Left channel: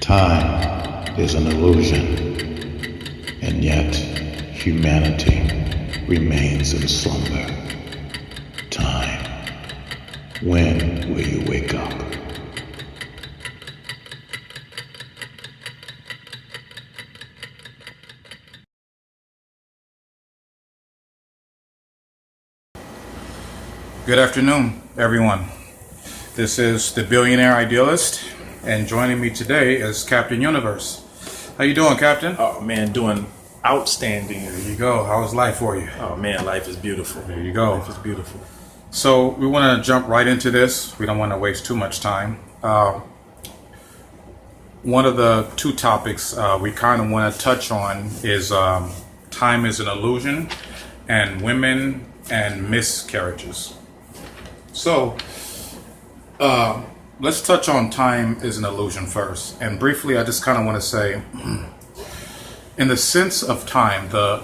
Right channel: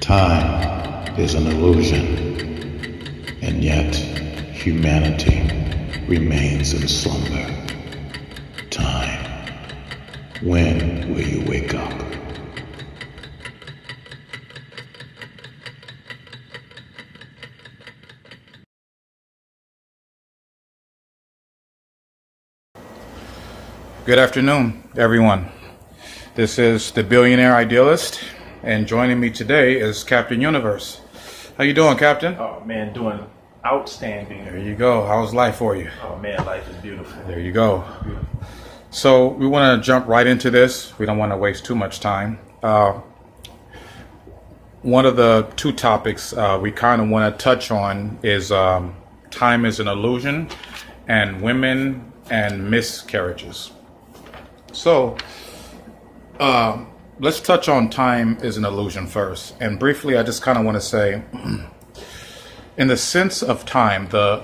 Time is an illusion, and yet humanity remains in slumber. Time, when will you wake up? Good afternoon, everyone. This is the Billionaire Idealist, and joining me today is Captain Universe. How you doing, Captain? Oh man, doing outstanding. There you go. How's life for you? Oh man, life is beautiful. There you go. Life is beautiful. So we want to jump right into this. We don't want to waste too much time. One of the two topics we kind of want to touch on is time is an illusion, and women and miscarriages. So, let's touch on time is an illusion first. And briefly, I just kind of want to say, in the sense of time, the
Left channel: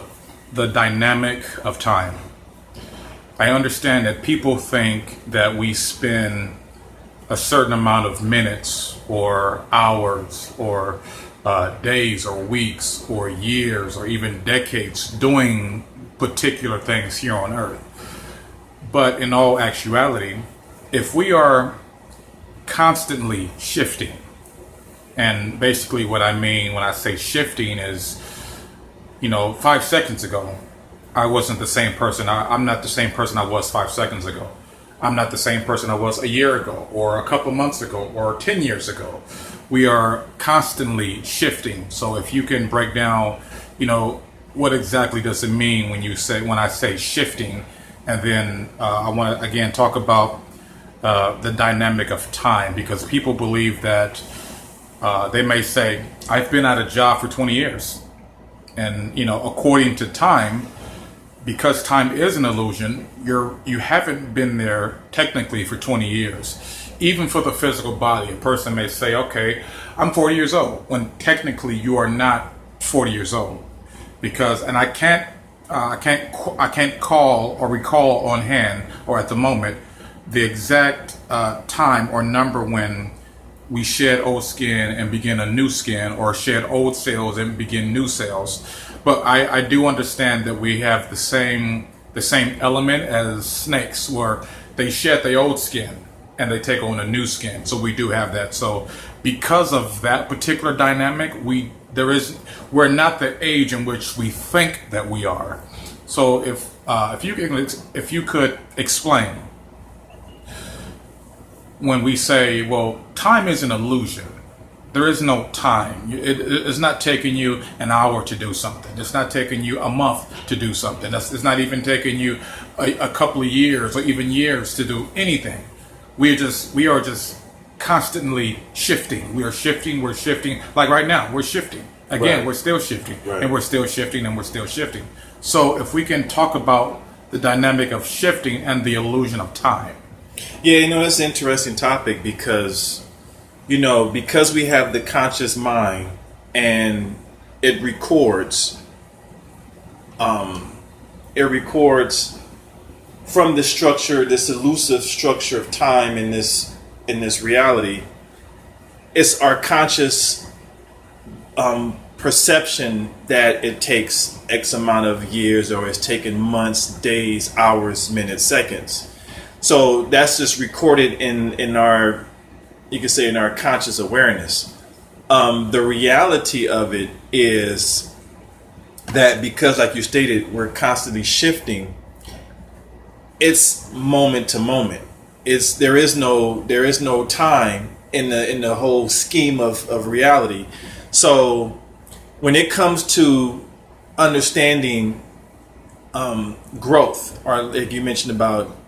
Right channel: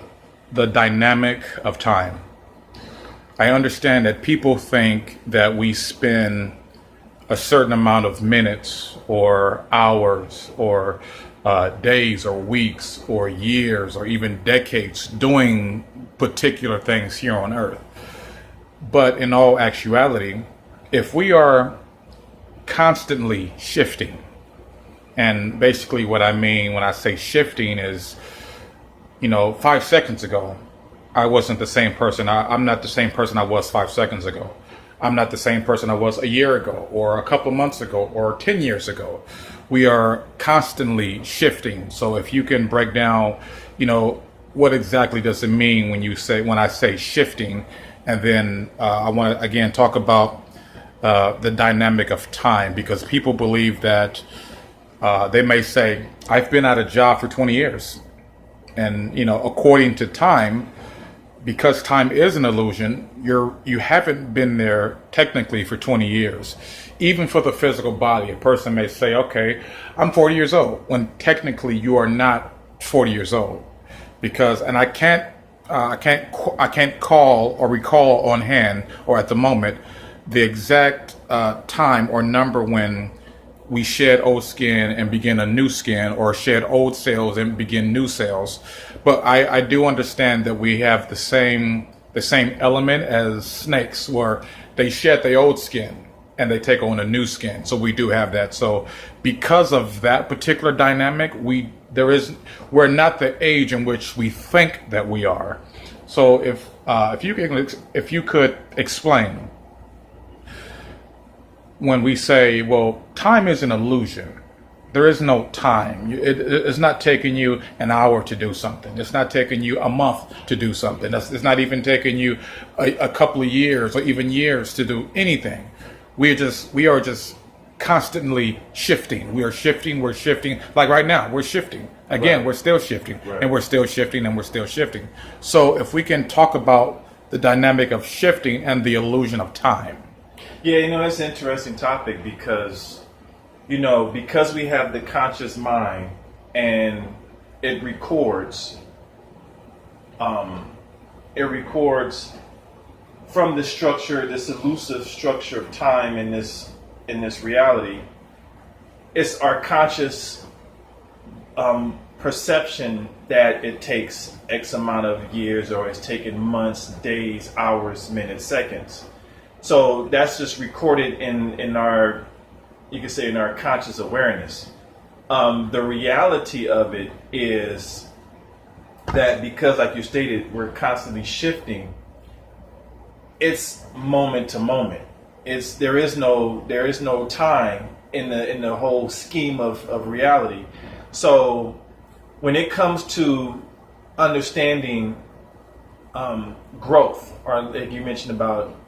dynamic of time, I understand that people think that we spend a certain amount of minutes or hours or days or weeks or years or even decades doing particular things here on Earth. But in all actuality, if we are constantly shifting, and basically what I mean when I say shifting is, 5 seconds ago, I wasn't the same person. I'm not the same person I was 5 seconds ago. I'm not the same person I was a year ago or a couple months ago or 10 years ago. We are constantly shifting. So if you can break down, what exactly does it mean when I say shifting? And then I want to again talk about the dynamic of time, because people believe that they may say, I've been at a job for 20 years. And, according to time, because time is an illusion, you haven't been there technically for 20 years. Even for the physical body, a person may say, okay, I'm 40 years old, when technically you are not 40 years old. And I can't call or recall on hand or at the moment the exact time or number when we shed old skin and begin a new skin, or shed old cells and begin new cells. But I do understand that we have the same element as snakes, where they shed their old skin and they take on a new skin. So we do have that. So because of that particular dynamic, we're not the age in which we think that we are. So if you could explain, when we say, well, time is an illusion, there is no time. It's not taking you an hour to do something. It's not taking you a month to do something. It's not even taking you a couple of years or even years to do anything. We are just constantly shifting. We're shifting. Like right now, we're shifting. Again, right. We're still shifting, right. And we're still shifting, and we're still shifting. So if we can talk about the dynamic of shifting and the illusion of time. Yeah, that's an interesting topic because we have the conscious mind and it records from the structure, this elusive structure of time in this reality. It's our conscious perception that it takes X amount of years, or it's taken months, days, hours, minutes, seconds. So that's just recorded in our, you could say, in our conscious awareness. The reality of it is that because, like you stated, we're constantly shifting, it's moment to moment. There is no time in the whole scheme of reality. So when it comes to understanding growth, or like you mentioned about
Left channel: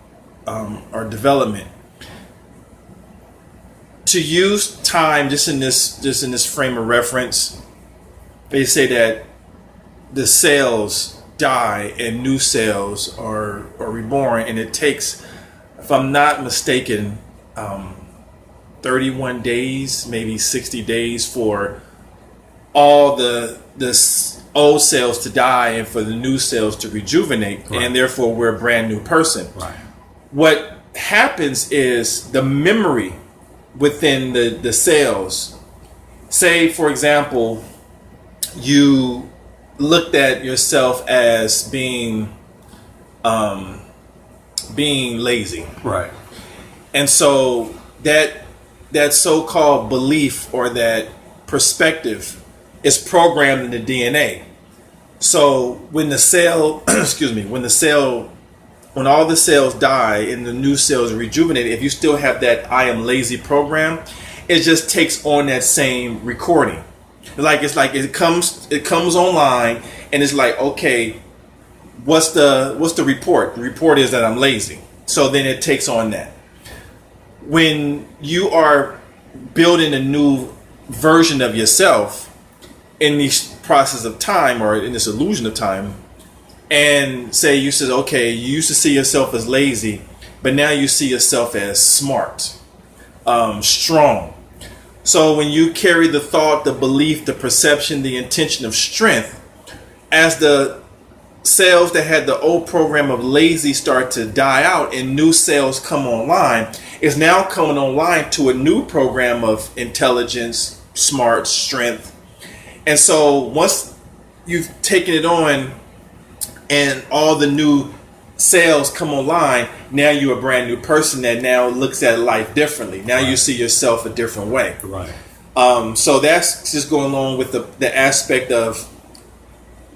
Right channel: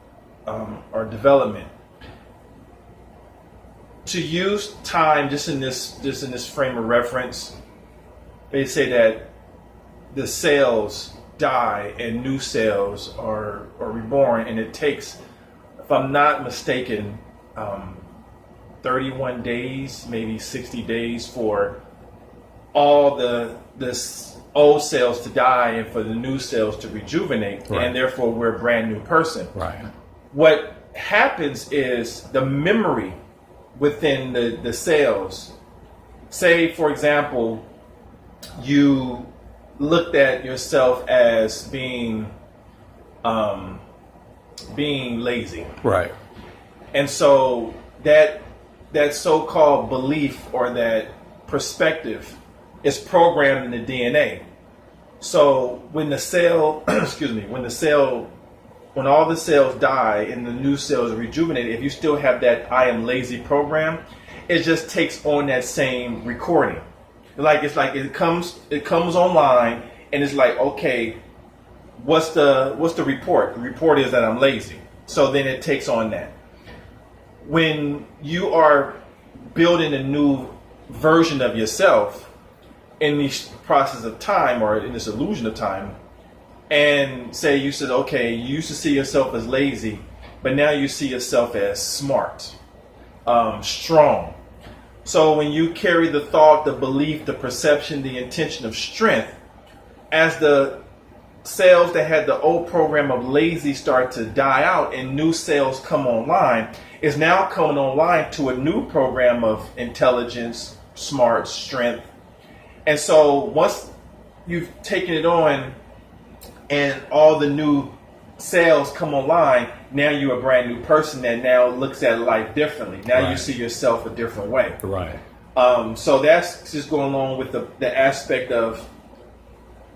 or development, to use time just in this frame of reference, they say that the cells die and new cells are reborn, and it takes, if I'm not mistaken, 31 days, maybe 60 days for all the old cells to die and for the new cells to rejuvenate, right. And therefore we're a brand new person. Right. What happens is the memory within the cells say, for example, you looked at yourself as being lazy, Right. and so that so-called belief or that perspective is programmed in the DNA. So when the cell, excuse me, when all the cells die and the new cells rejuvenate, if you still have that "I am lazy" program, it just takes on that same recording. It's like it comes online, and it's like, okay, what's the report? The report is that I'm lazy. So then it takes on that. When you are building a new version of yourself in this process of time, or in this illusion of time, and say you said, okay, you used to see yourself as lazy, but now you see yourself as smart, strong. So when you carry the thought, the belief, the perception, the intention of strength, as the cells that had the old program of lazy start to die out and new cells come online, is now coming online to a new program of intelligence, smart, strength. And so once you've taken it on and all the new cells come online, now you're a brand new person that now looks at life differently. Now you see yourself a different way. Right. So that's just going along with the aspect of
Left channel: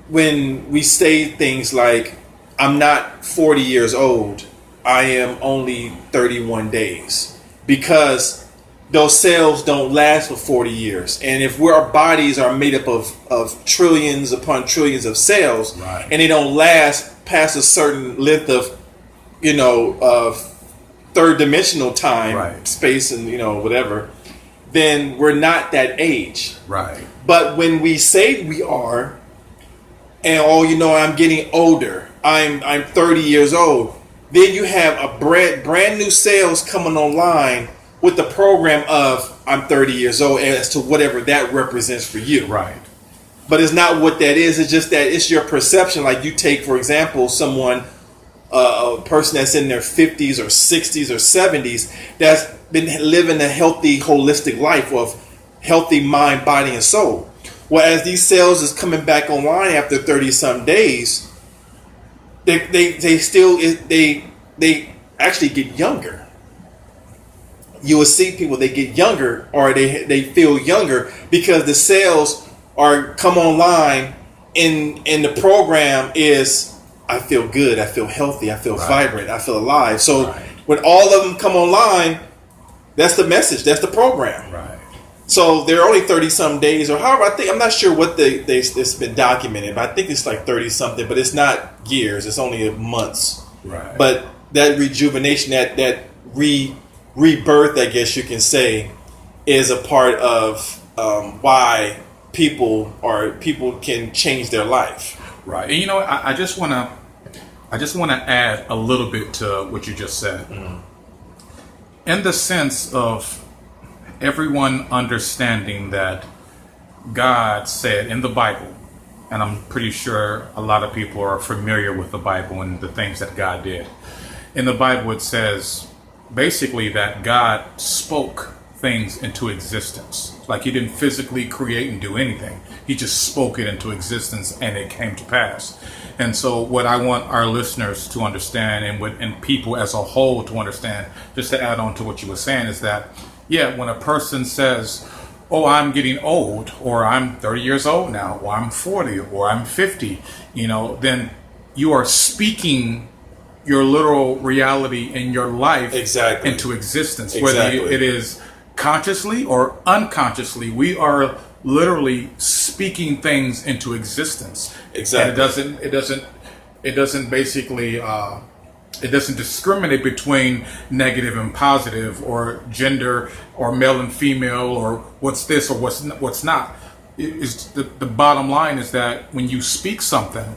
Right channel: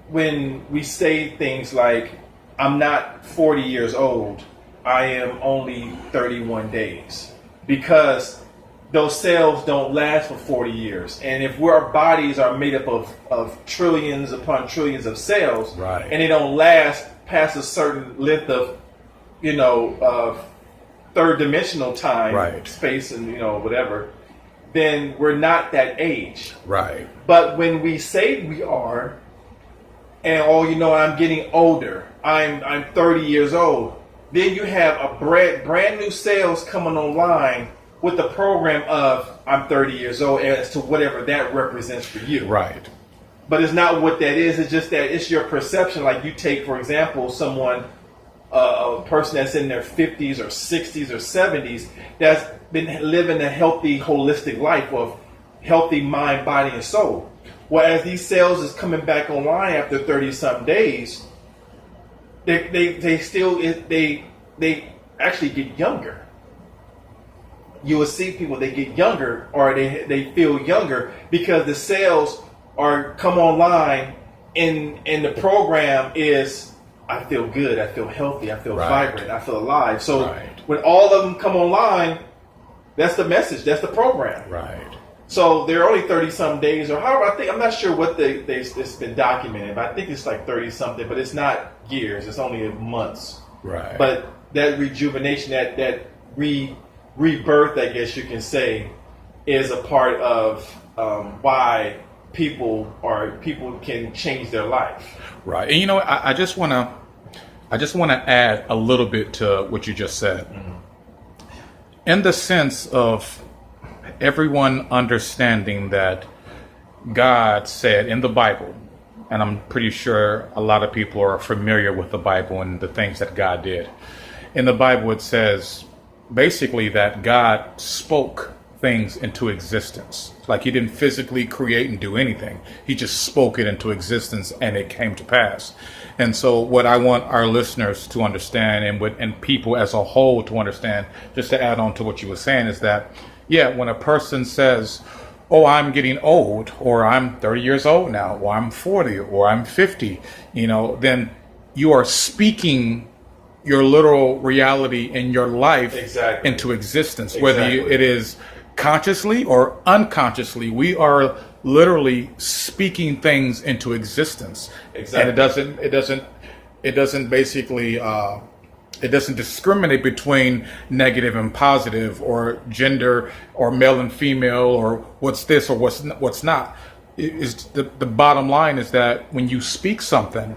when we say things like, I'm not 40 years old, I am only 31 days. Because those cells don't last for 40 years. And if our bodies are made up of trillions upon trillions of cells, Right. and they don't last past a certain length of, third dimensional time, Right. space, and, whatever, then we're not that age. Right. But when we say we are, and I'm getting older, I'm 30 years old, then you have a brand new cells coming online with the program of I'm 30 years old, as to whatever that represents for you. Right. But it's not what that is. It's just that it's your perception. Like you take, for example, someone, a person that's in their 50s or 60s or 70s that's been living a healthy, holistic life of healthy mind, body, and soul. Well, as these cells is coming back online after 30-some days, they actually get younger. You will see people, they get younger, or they feel younger because the cells are come online, and the program is, I feel good, I feel healthy, I feel vibrant, I feel alive. So when all of them come online, that's the message, that's the program. Right. So they're only 30-some days, or however, I'm not sure what it's been documented, but I think it's like 30-something, but it's not years, it's only months. Right. But that rejuvenation, that rebirth, I guess you can say, is a part of why people can change their life. Right. And I just want to add a little bit to what you just said. Mm-hmm. In the sense of everyone understanding that God said in the Bible, and I'm pretty sure a lot of people are familiar with the Bible and the things that God did. In the Bible, it says basically that God spoke things into existence. Like he didn't physically create and do anything. He just spoke it into existence and it came to pass. And so what I want our listeners to understand, and people as a whole to understand, just to add on to what you were saying, is that, when a person says, oh, I'm getting old, or I'm 30 years old now, or I'm 40, or I'm 50, then you are speaking your literal reality in your life into existence. Whether it is consciously or unconsciously, we are literally speaking things into existence. Exactly. And it doesn't basically it doesn't discriminate between negative and positive, or gender, or male and female, or what's this or what's not. The bottom line is that when you speak something,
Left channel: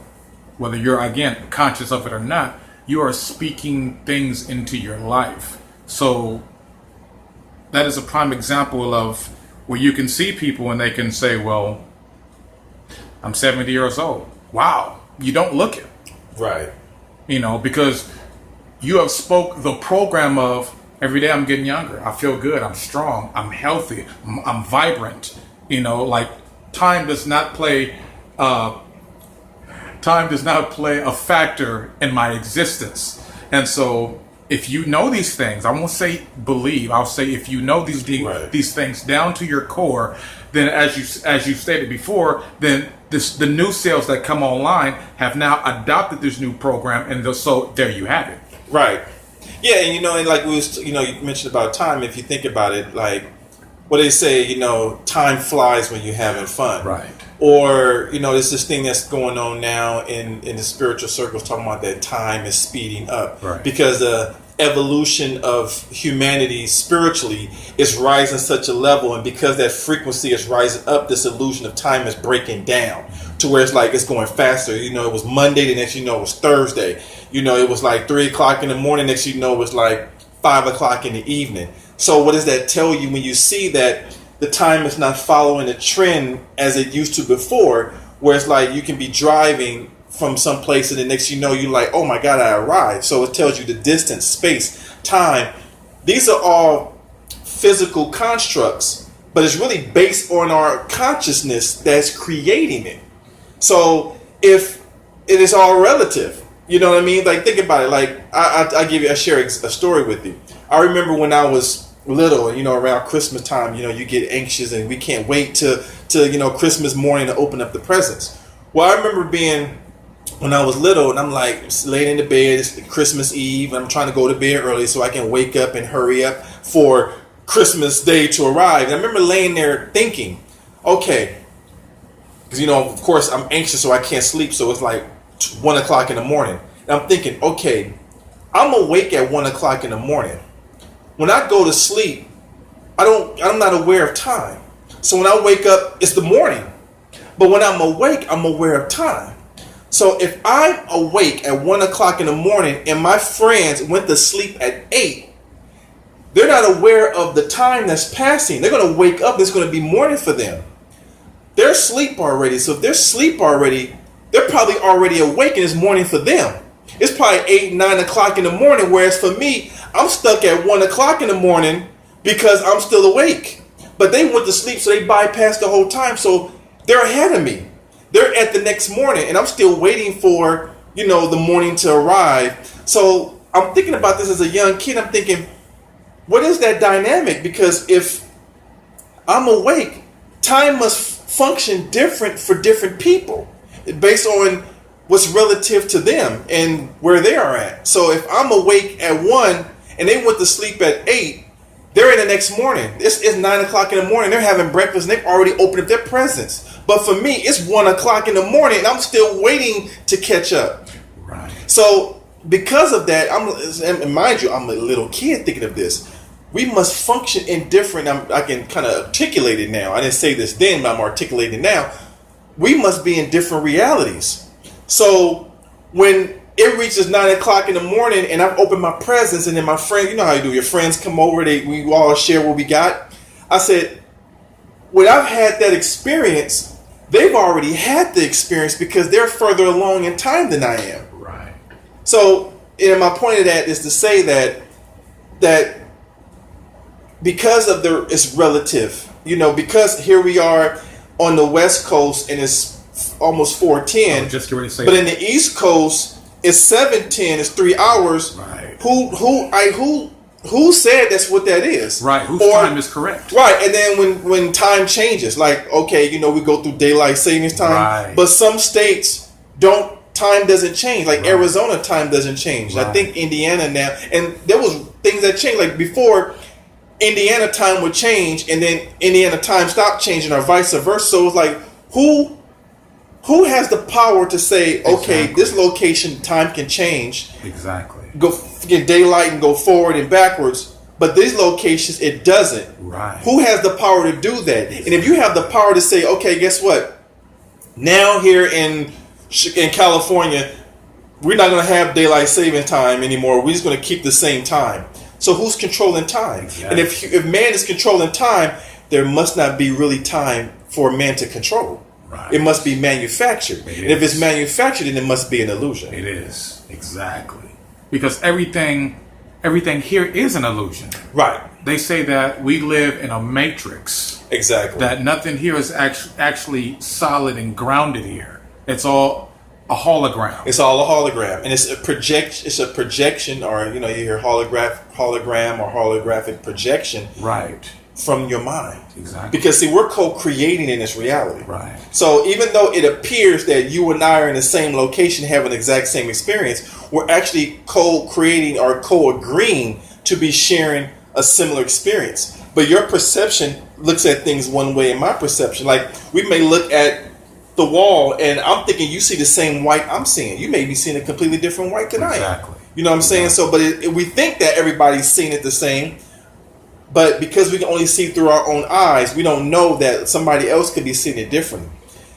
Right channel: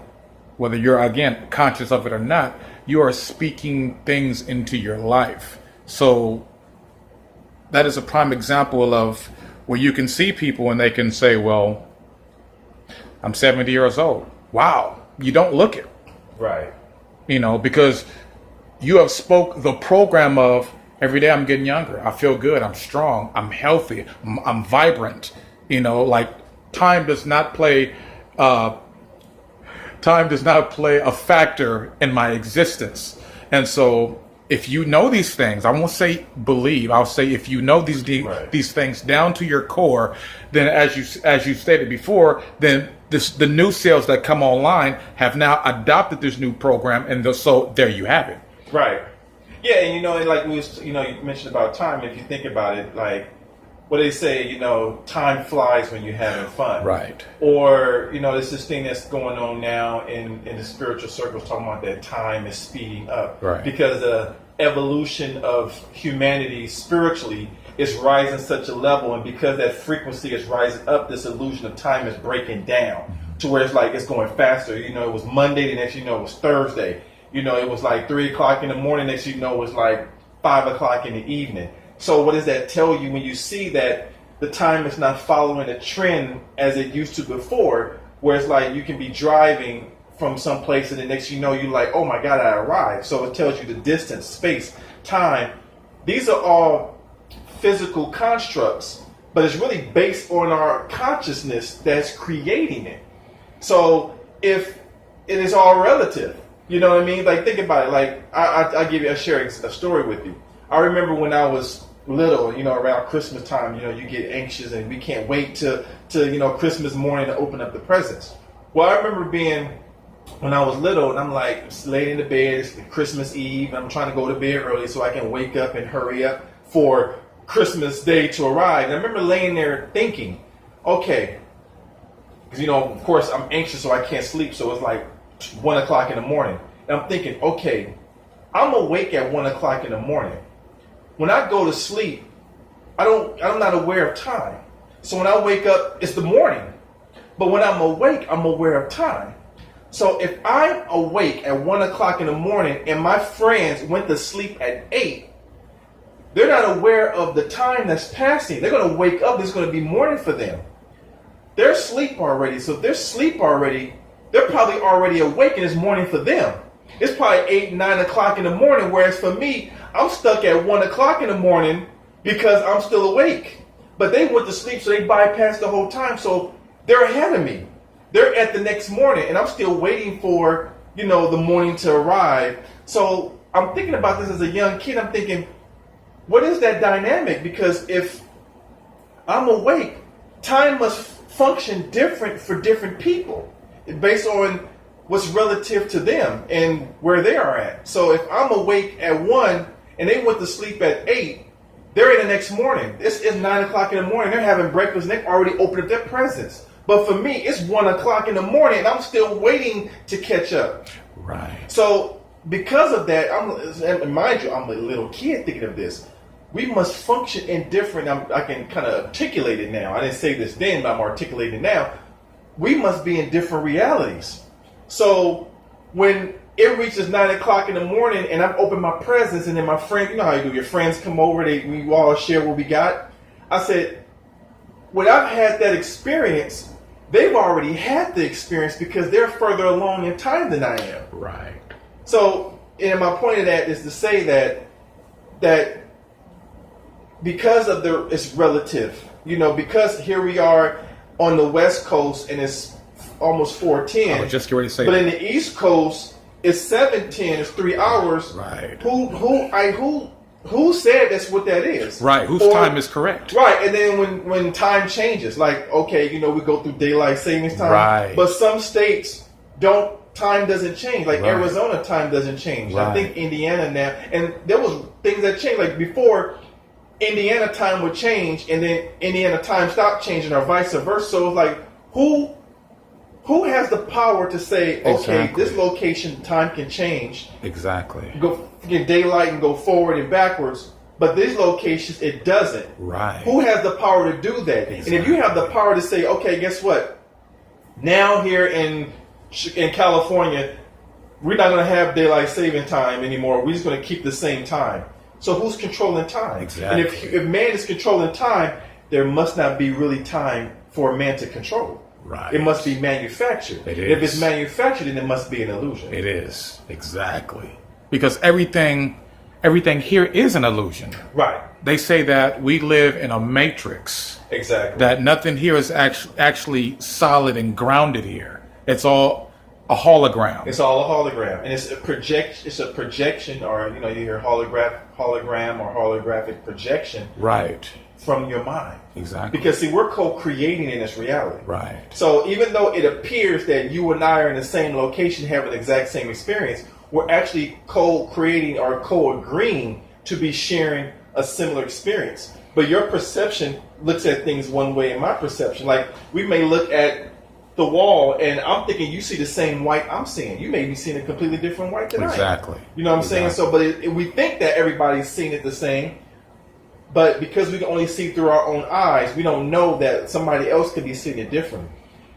whether you're again conscious of it or not, you are speaking things into your life. So that is a prime example of where you can see people and they can say, well, I'm 70 years old. Wow, you don't look it. Right. Because you have spoke the program of every day I'm getting younger. I feel good. I'm strong. I'm healthy. I'm vibrant. Like time does not play a factor in my existence. And so if you know these things, I won't say believe, I'll say if you know these things down to your core, then as you stated before, then the new sales that come online have now adopted this new program, and so there you have it. Right. Yeah, and and like you mentioned about time. If you think about it, like what they say, time flies when you're having fun. Right. Or there's this thing that's going on now in the spiritual circles talking about that time is speeding up. Right. Because the evolution of humanity spiritually is rising such a level, and because that frequency is rising up, this illusion of time is breaking down to where it's like it's going faster. It was Monday, the next it was Thursday. It was like 3 o'clock in the morning, next it was like 5 o'clock in the evening. So what does that tell you when you see that the time is not following a trend as it used to before, where it's like you can be driving from some place and the next you're like, oh my God, I arrived. So it tells you the distance, space, time. These are all physical constructs, but it's really based on our consciousness that's creating it. So if it is all relative, you know what I mean? Like, think about it. Like, I share a story with you. I remember when I was little, and around Christmas time, you get anxious and we can't wait to Christmas morning to open up the presents. Well, I remember being when I was little, and I'm like laying in the bed, it's Christmas Eve, and I'm trying to go to bed early so I can wake up and hurry up for Christmas Day to arrive. And I remember laying there thinking, okay, because of course I'm anxious, so I can't sleep, so it's like 1 o'clock in the morning. And I'm thinking, okay, I'm awake at 1 o'clock in the morning. When I go to sleep, I'm not aware of time. So when I wake up, it's the morning. But when I'm awake, I'm aware of time. So if I'm awake at 1 o'clock in the morning and my friends went to sleep at 8, they're not aware of the time that's passing. They're going to wake up, it's going to be morning for them. They're asleep already. So if they're asleep already, they're probably already awake and it's morning for them. It's probably 8, 9 o'clock in the morning, whereas for me, I'm stuck at 1 o'clock in the morning because I'm still awake. But they went to sleep, so they bypassed the whole time. So they're ahead of me. They're at the next morning, and I'm still waiting for, the morning to arrive. So I'm thinking about this as a young kid. I'm thinking, what is that dynamic? Because if I'm awake, time must function different for different people based on what's relative to them and where they are at. So if I'm awake at 1 and they went to sleep at 8, they're in the next morning. It's 9 o'clock in the morning. They're having breakfast and they've already opened up their presents. But for me, it's 1 o'clock in the morning and I'm still waiting to catch up. Right. So because of that, and mind you, I'm a little kid thinking of this. We must function in different, I can kind of articulate it now. I didn't say this then, but I'm articulating it now. We must be in different realities. So when it reaches 9 o'clock in the morning and I've opened my presents and then my friend, you know how you do, your friends come over, we all share what we got. I said, when I've had that experience, they've already had the experience because they're further along in time than I am. Right. So, and my point of that is to say that because of it's relative, because here we are on the West Coast and it's almost 4:10. Just ready to say. But in the East Coast, it's 7:10. It's 3 hours. Right. Who said that's what that is? Right. Whose time is correct? Right. And then when time changes, like we go through daylight savings time. Right. But some states don't. Time doesn't change. Like Arizona, time doesn't change. Right. I think Indiana now, and there was things that changed. Like before, Indiana time would change, and then Indiana time stopped changing, or vice versa. So it's like who has the power to say, okay, this location time can change. Exactly. Go get daylight and go forward and backwards, but these locations it doesn't. Right. Who has the power to do that? Exactly. And if you have the power to say, okay, guess what? Now here in California, we're not going to have daylight saving time anymore. We're just going to keep the same time. So who's controlling time? Exactly. And if man is controlling time, there must not be really time for man to control. Right. It must be manufactured. And if it's manufactured, then it must be an illusion. It is. Exactly. Because everything here is an illusion. Right. they say that we live in a matrix. Exactly. That nothing here is actually solid and grounded here. It's all a hologram. It's all a hologram, and it's a projection, or you hear hologram or holographic projection, Right. from your mind. Exactly. Because see, we're co-creating in this reality. Right. So even though it appears that you and I are in the same location, having the exact same experience, we're actually co-creating or co-agreeing to be sharing a similar experience. But your perception looks at things one way, and my perception, like we may look at the wall and I'm thinking you see the same white I'm seeing. You may be seeing a completely different white than I am. Exactly. You know what I'm saying? So, but we think that everybody's seeing it the same. But because we can only see through our own eyes, we don't know that somebody else could be seeing it differently.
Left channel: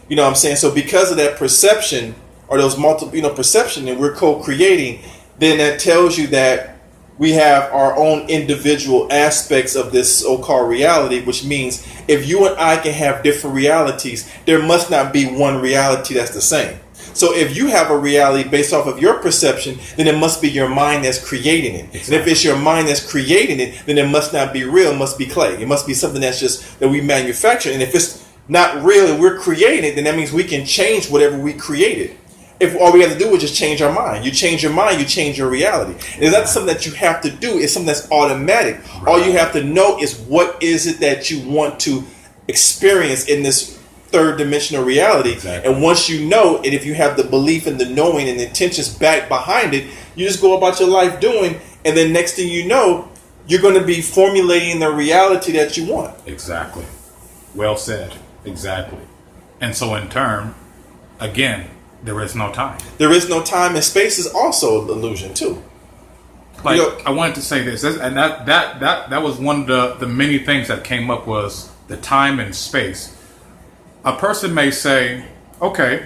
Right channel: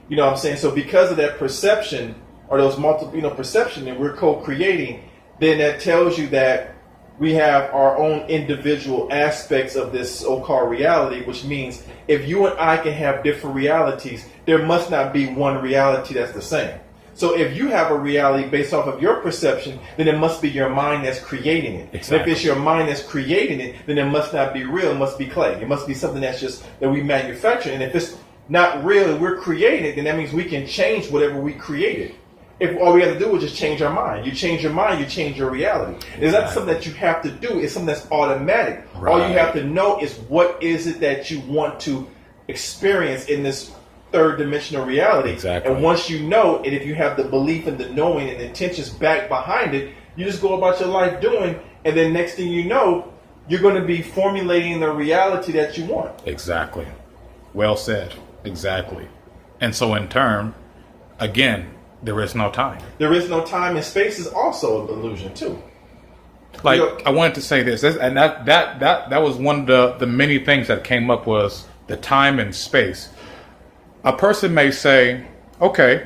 You know what I'm saying? So because of that perception, or those multiple, perception, and we're co-creating, then that tells you that we have our own individual aspects of this so-called reality, which means if you and I can have different realities, there must not be one reality that's the same. So if you have a reality based off of your perception, then it must be your mind that's creating it. Exactly. And if it's your mind that's creating it, then it must not be real. It must be clay. It must be something that's just that we manufacture. And if it's not real and we're creating it, then that means we can change whatever we created. If all we have to do is just change our mind. You change your mind, you change your reality. And that's something that you have to do. It's something that's automatic. Right. All you have to know is what is it that you want to experience in this third dimensional reality. Exactly. And once you know, and if you have the belief and the knowing and the intentions back behind it, you just go about your life doing, and then next thing you know, you're going to be formulating the reality that you want. Exactly. Well said. Exactly. And so in turn, again, there is no time. There is no time, and space is also an illusion too. Like, I wanted to say this, and that was one of the many things that came up was the time and space. A person may say, okay,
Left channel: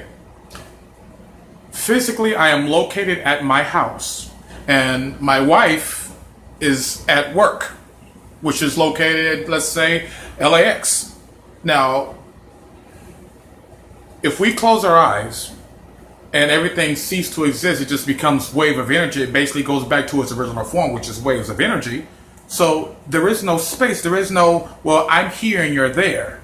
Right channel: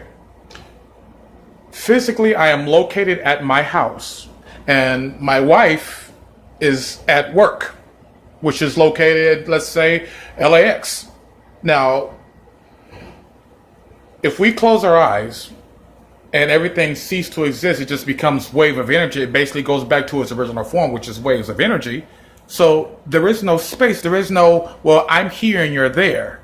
physically I am located at my house, and my wife is at work, which is located, let's say, LAX. Now, if we close our eyes and everything ceases to exist, it just becomes wave of energy. It basically goes back to its original form, which is waves of energy. So there is no space. There is no, well, I'm here and you're there.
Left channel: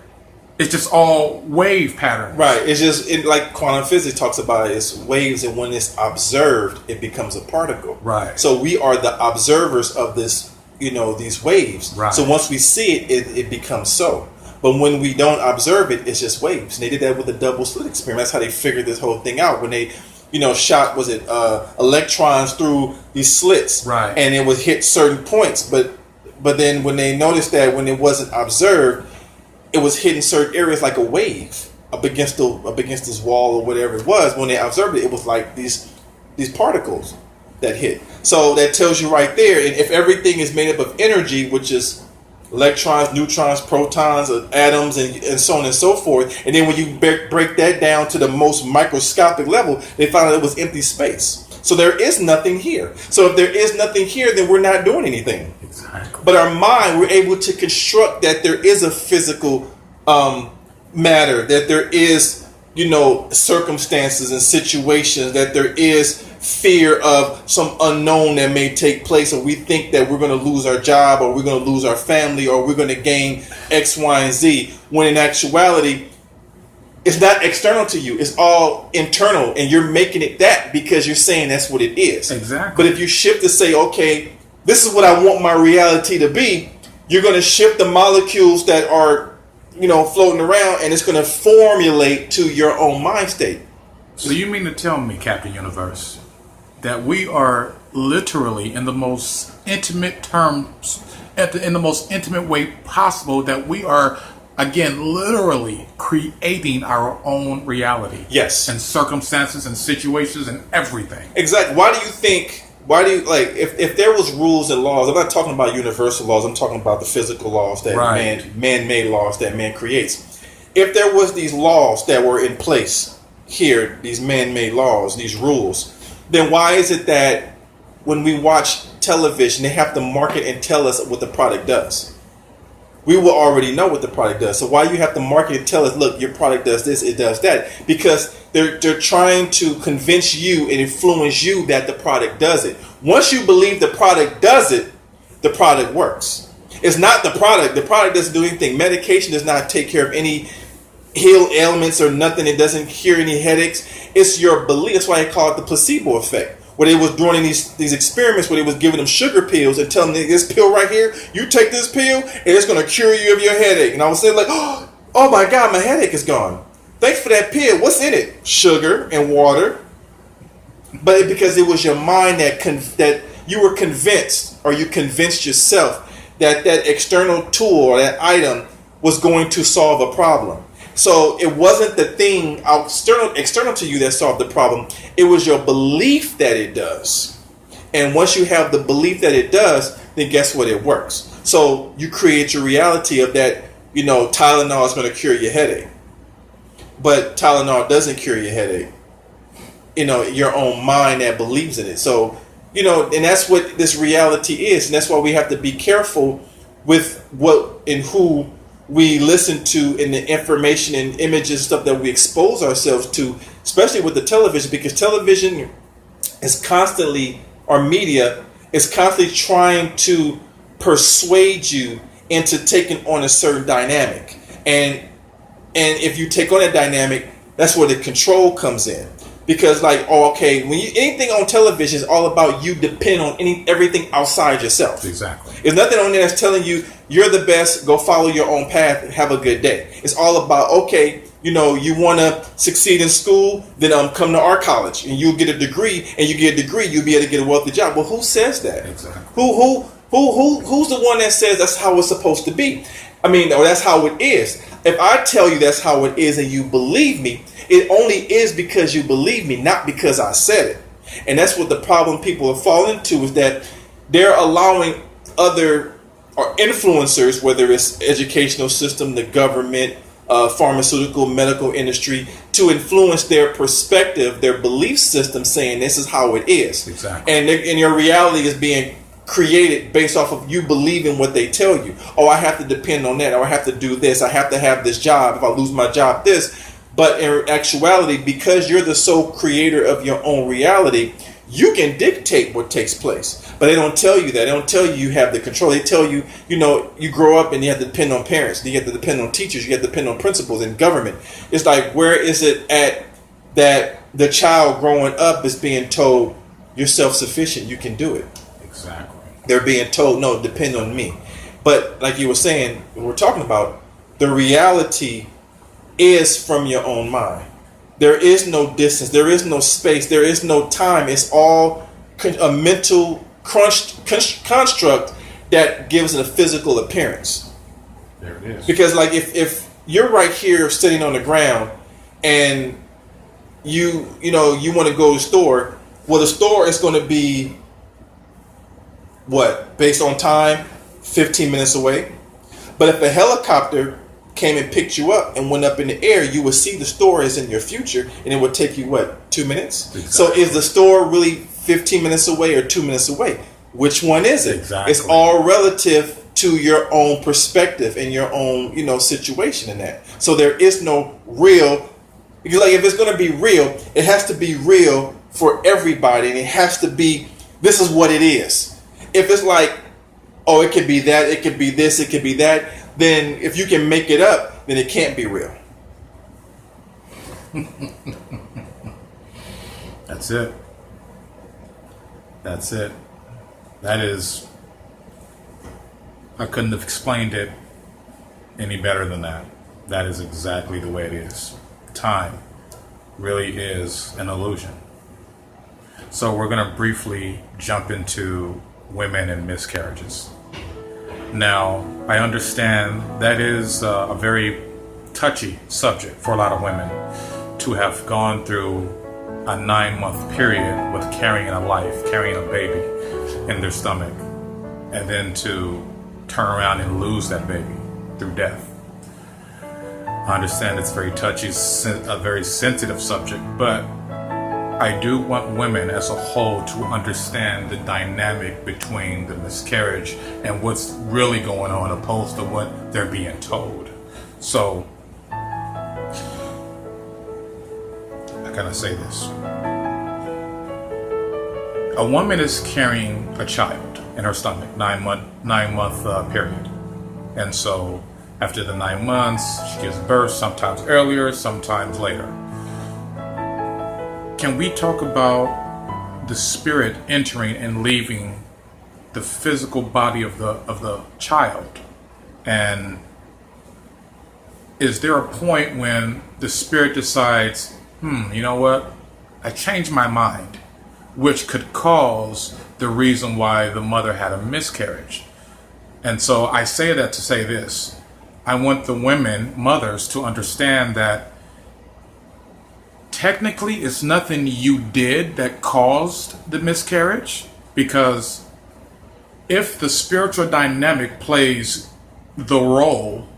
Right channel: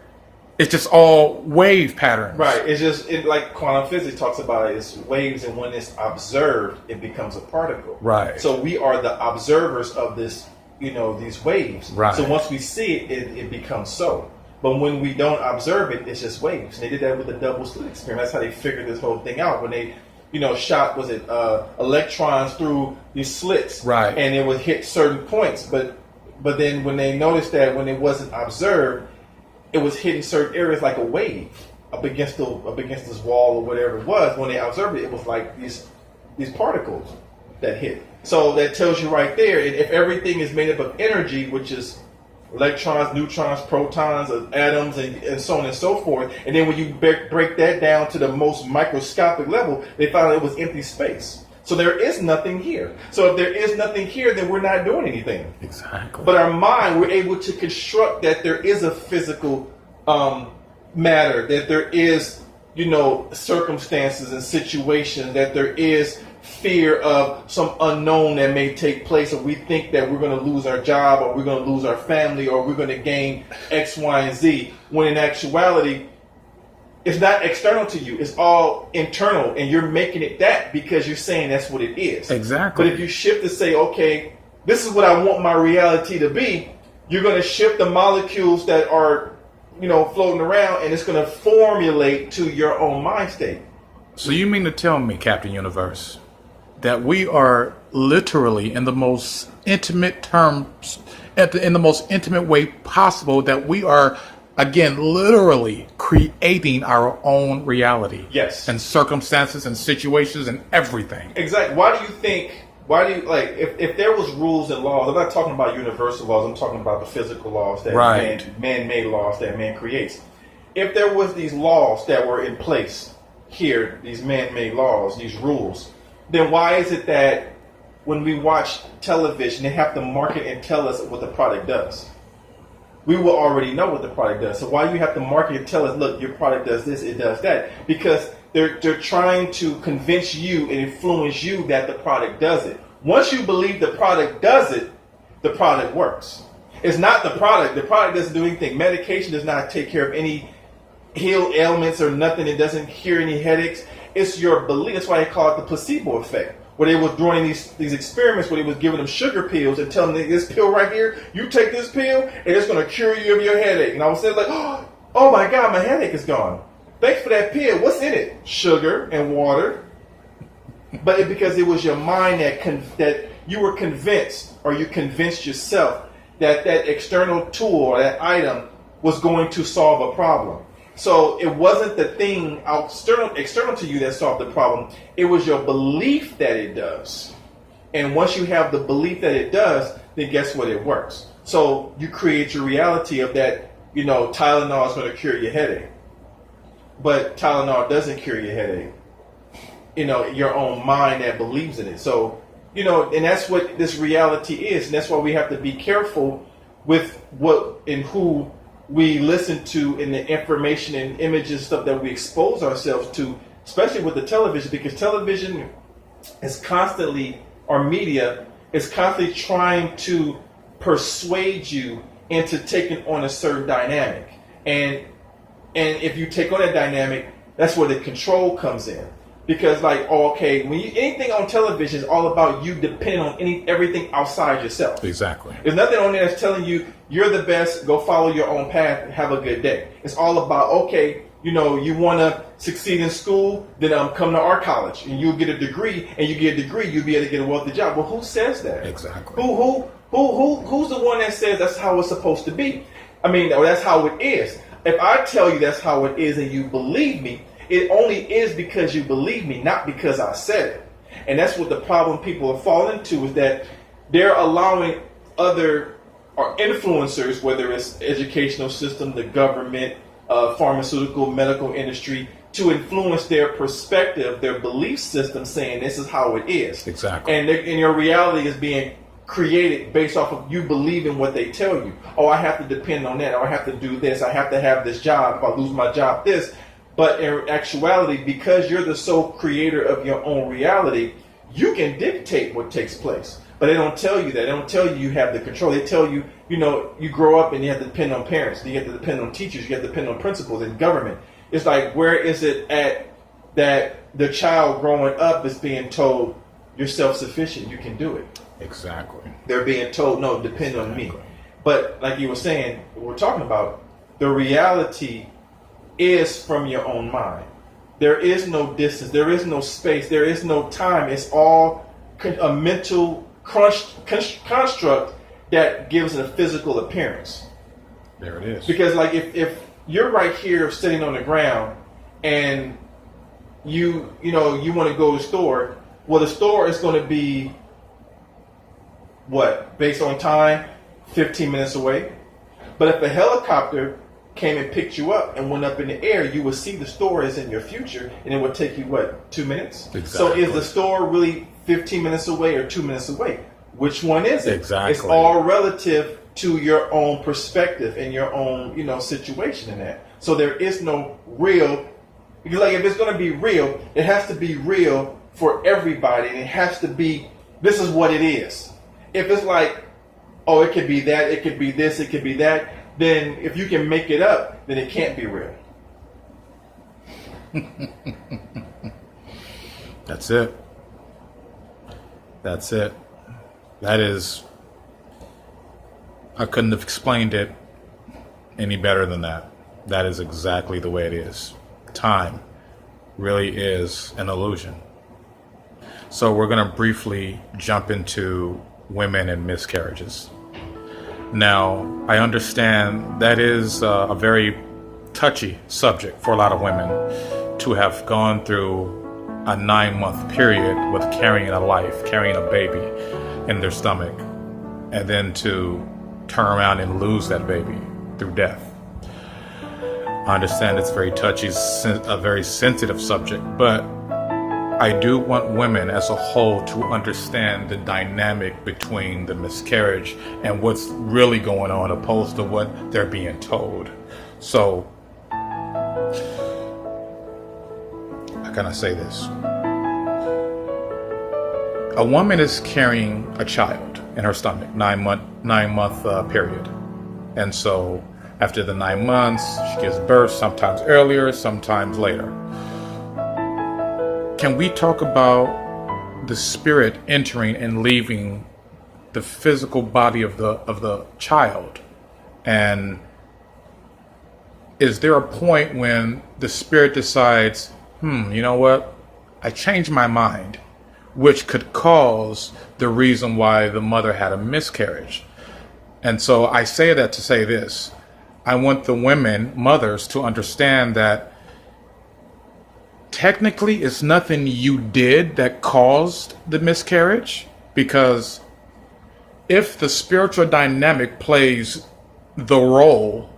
It's just all wave patterns. Right. It's just like quantum physics talks about it, it's waves, and when it's observed, it becomes a particle. Right. So we are the observers of this, these waves. Right. So once we see it, it becomes so. But when we don't observe it, it's just waves. And they did that with the double slit experiment. That's how they figured this whole thing out. When they, shot, electrons through these slits. Right. And it would hit certain points. But then when they noticed that when it wasn't observed, it was hitting certain areas like a wave up against this wall or whatever it was. When they observed it, it was like these particles that hit. So that tells you right there. And if everything is made up of energy, which is electrons, neutrons, protons, atoms, and so on and so forth. And then when you break that down to the most microscopic level, they found out it was empty space. So there is nothing here. So if there is nothing here, then we're not doing anything. Exactly. But our mind, we're able to construct that there is a physical matter, that there is, circumstances and situations, that there is fear of some unknown that may take place, or we think that we're going to lose our job, or we're going to lose our family, or we're going to gain X, Y, and Z, when in actuality, it's not external to you. It's all internal, and you're making it that because you're saying that's what it is. Exactly. But if you shift to say, okay, this is what I want my reality to be, you're going to shift the molecules that are, floating around, and it's going to formulate to your own mind state. So you mean to tell me, Captain Universe, that we are literally in the most intimate terms, in the most intimate way possible, that we are, again, literally creating our own reality? Yes. And circumstances and situations and everything. Exactly. If there was rules and laws, I'm not talking about universal laws, I'm talking about the physical laws that man-made laws that man creates. If there was these laws that were in place here, these man-made laws, these rules, then why is it that when we watch television, they have to market and tell us what the product does? We will already know what the product does. So why you have to market and tell us, look, your product does this, it does that? Because they're trying to convince you and influence you that the product does it. Once you believe the product does it, the product works. It's not the product. The product doesn't do anything. Medication does not take care of any heal ailments or nothing. It doesn't cure any headaches. It's your belief. That's why they call it the placebo effect. Where they was doing these experiments where they was giving them sugar pills and telling them, this pill right here, you take this pill and it's going to cure you of your headache. And I was saying like, oh my God, my headache is gone. Thanks for that pill. What's in it? Sugar and water. But because it was your mind that you were convinced, or you convinced yourself that that external tool or that item was going to solve a problem. So it wasn't the thing external to you that solved the problem. It was your belief that it does. And once you have the belief that it does, then guess what? It works. So you create your reality of that, Tylenol is going to cure your headache. But Tylenol doesn't cure your headache. Your own mind that believes in it. So, and that's what this reality is. And that's why we have to be careful with what and who we listen to and the information and images, stuff that we expose ourselves to, especially with the television, because television is constantly, or media is constantly trying to persuade you into taking on a certain dynamic. And if you take on a dynamic, that's where the control comes in. Because anything on television is all about you depend on everything outside yourself. Exactly. There's nothing on there that's telling you you're the best, go follow your own path and have a good day. It's all about, you want to succeed in school, then come to our college and you'll get a degree, and you get a degree, you'll be able to get a wealthy job. Well, who says that? Exactly. Who's the one that says that's how it's supposed to be? Or that's how it is. If I tell you that's how it is and you believe me, it only is because you believe me, not because I said it. And that's what the problem people are falling into, is that they're allowing other or influencers, whether it's educational system, the government, pharmaceutical, medical industry, to influence their perspective, their belief system, saying this is how it is. Exactly. And your reality is being created based off of you believing what they tell you. Oh, I have to depend on that. Or I have to do this. I have to have this job. If I lose my job, this. But in actuality, because you're the sole creator of your own reality, you can dictate what takes place. But they don't tell you that. They don't tell you have the control. They tell you, you grow up and you have to depend on parents. You have to depend on teachers. You have to depend on principals and government. It's like, where is it at that the child growing up is being told, you're self-sufficient, you can do it. Exactly. They're being told, no, depend on me. But like you were saying, we're talking about, the reality is from your own mind. There is no distance. There is no space. There is no time. It's all a mental construct that gives it a physical appearance. There it is. Because if you're right here sitting on the ground and you want to go to the store, well, the store is going to be based on time, 15 minutes away. But if a helicopter came and picked you up and went up in the air, you would see the store is in your future, and it would take you 2 minutes? Exactly. So is the store really 15 minutes away or 2 minutes away? Which one is it? Exactly. It's all relative to your own perspective and your own situation in that. So there is no real, because if it's going to be real, it has to be real for everybody, and it has to be, this is what it is. If it's like, oh, it could be that, it could be this, it could be that, then if you can make it up, then it can't be real. That's it. That's it. That is, I couldn't have explained it any better than that. That is exactly the way it is. Time really is an illusion. So we're going to briefly jump into women and miscarriages. Now, I understand that is a very touchy subject for a lot of women to have gone through a 9-month period with carrying a life, carrying a baby in their stomach, and then to turn around and lose that baby through death. I understand it's very touchy, a very sensitive subject, but I do want women as a whole to understand the dynamic between the miscarriage and what's really going on, opposed to what they're being told. So, how can I say this? A woman is carrying a child in her stomach, 9-month period. And so after the 9 months, she gives birth, sometimes earlier, sometimes later. Can we talk about the spirit entering and leaving the physical body of the child? And is there a point when the spirit decides, you know what? I changed my mind, which could cause the reason why the mother had a miscarriage. And so I say that to say this. I want the women, mothers, to understand that technically it's nothing you did that caused the miscarriage, because if the spiritual dynamic plays the role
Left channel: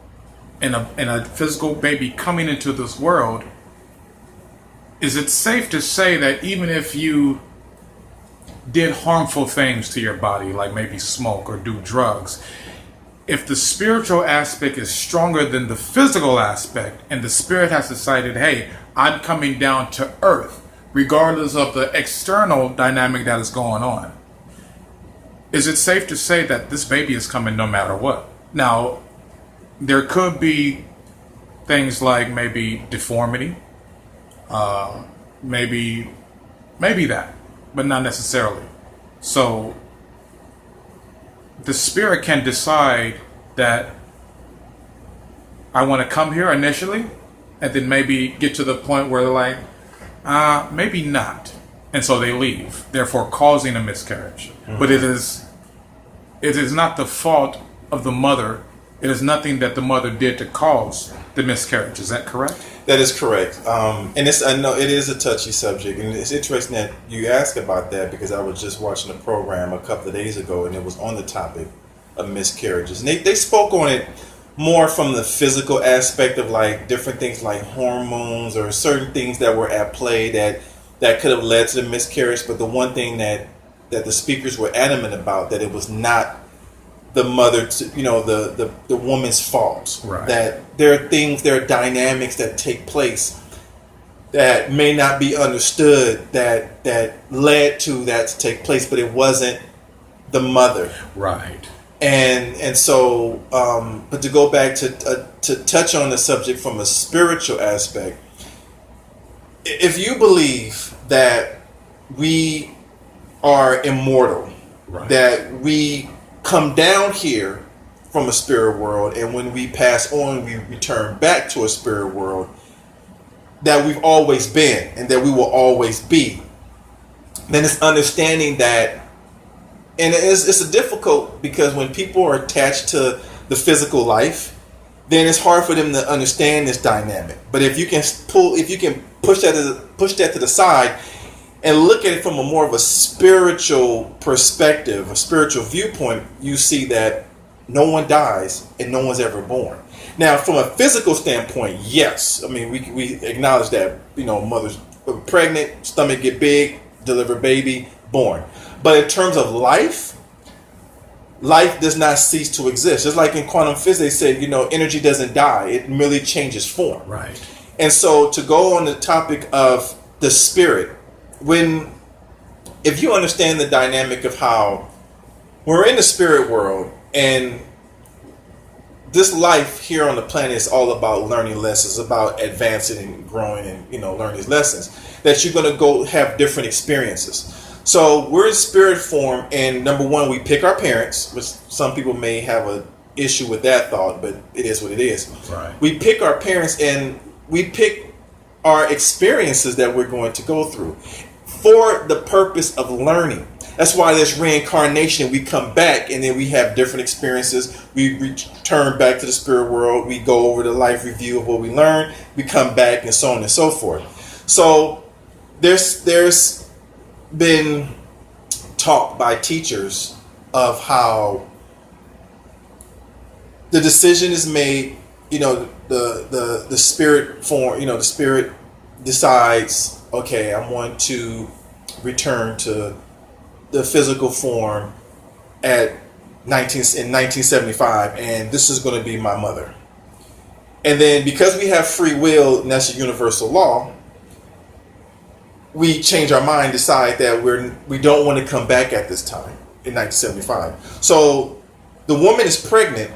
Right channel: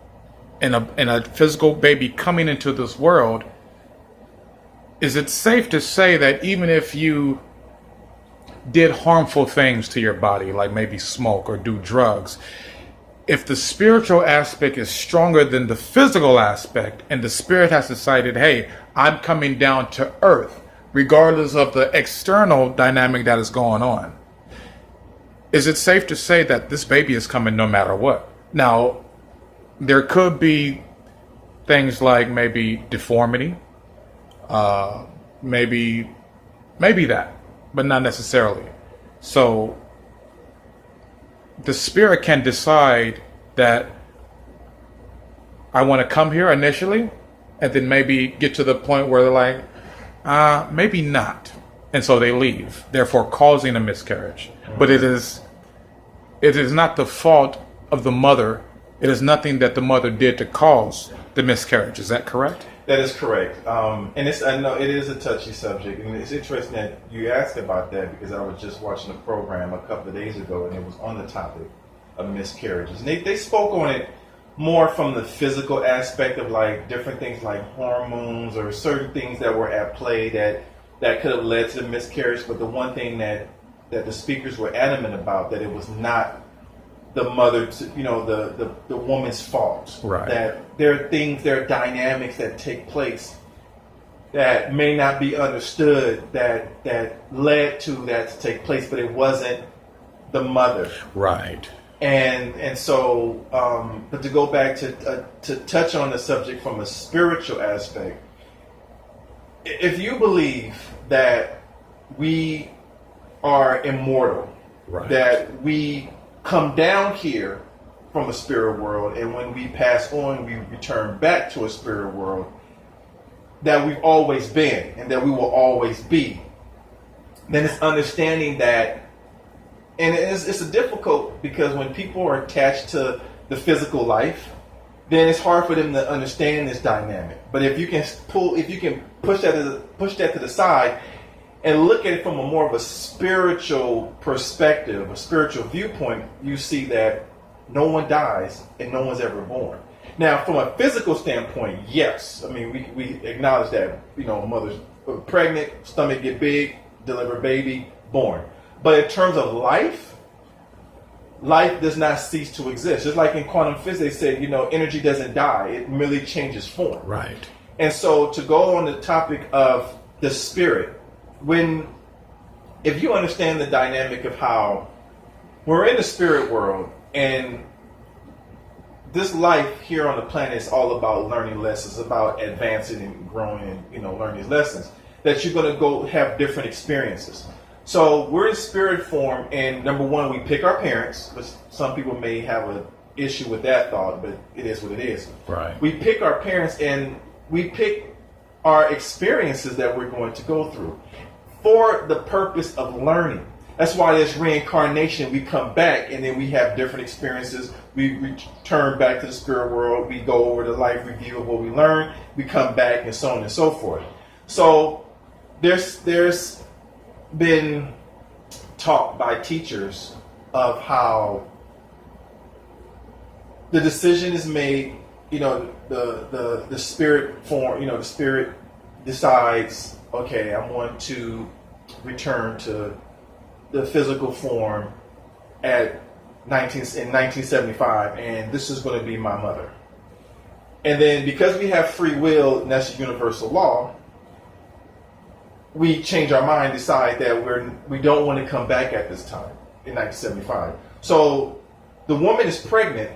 in a physical baby coming into this world, is it safe to say that even if you did harmful things to your body, like maybe smoke or do drugs, if the spiritual aspect is stronger than the physical aspect, and the spirit has decided, hey, I'm coming down to earth, regardless of the external dynamic that is going on, is it safe to say that this baby is coming no matter what? Now, there could be things like maybe deformity, maybe that, but not necessarily. So the spirit can decide that I want to come here initially, and then maybe get to the point where they're like, maybe not. And so they leave, therefore causing a miscarriage. Mm-hmm. But it is not the fault of the mother. It is nothing that the mother did to cause the miscarriage. Is that correct? That is correct. And I know it is a touchy subject, and it's interesting that you ask about that, because I was just watching a program a couple of days ago, and it was on the topic of miscarriages. And they spoke on it more from the physical aspect of like different things like hormones or certain things that were at play that could have led to the miscarriage. But the one thing that the speakers were adamant about, that it was not the mother, the woman's fault. Right. That there are things, there are dynamics that take place that may not be understood that led to that to take place, but it wasn't the mother. Right. And so, but to go back to touch on the subject from a spiritual aspect, if you believe that we are immortal, right, that we come down here from a spirit world, and when we pass on, we return back to a spirit world, that we've always been and that we will always be, then it's understanding that. And it's a difficult, because when people are attached to the physical life, then it's hard for them to understand this dynamic. But if you can push that to the side and look at it from a more of a spiritual perspective, a spiritual viewpoint, you see that no one dies and no one's ever born. Now, from a physical standpoint, yes, I mean we acknowledge that, mothers pregnant, stomach get big, deliver baby, born. But in terms of life does not cease to exist. Just like in quantum physics, they said, energy doesn't die. It merely changes form. Right. And so to go on the topic of the spirit, if you understand the dynamic of how we're in the spirit world, and this life here on the planet is all about learning lessons, about advancing and growing and, learning these lessons, that you're going to go have different experiences. So we're in spirit form, and number one, we pick our parents, which some people may have an issue with that thought, but it is what it is. Right. We pick our parents, and we pick our experiences that we're going to go through for the purpose of learning. That's why there's reincarnation, and we come back, and then we have different experiences. We return back to the spirit world. We go over the life review of what we learned. We come back, and so on and so forth. So there's been talk by teachers of how the decision is made, the spirit form, the spirit decides, okay, I'm going to return to the physical form in 1975, and this is going to be my mother. And then because we have free will, and that's a universal law, we change our mind, decide that we don't want to come back at this time in 1975. So the woman is pregnant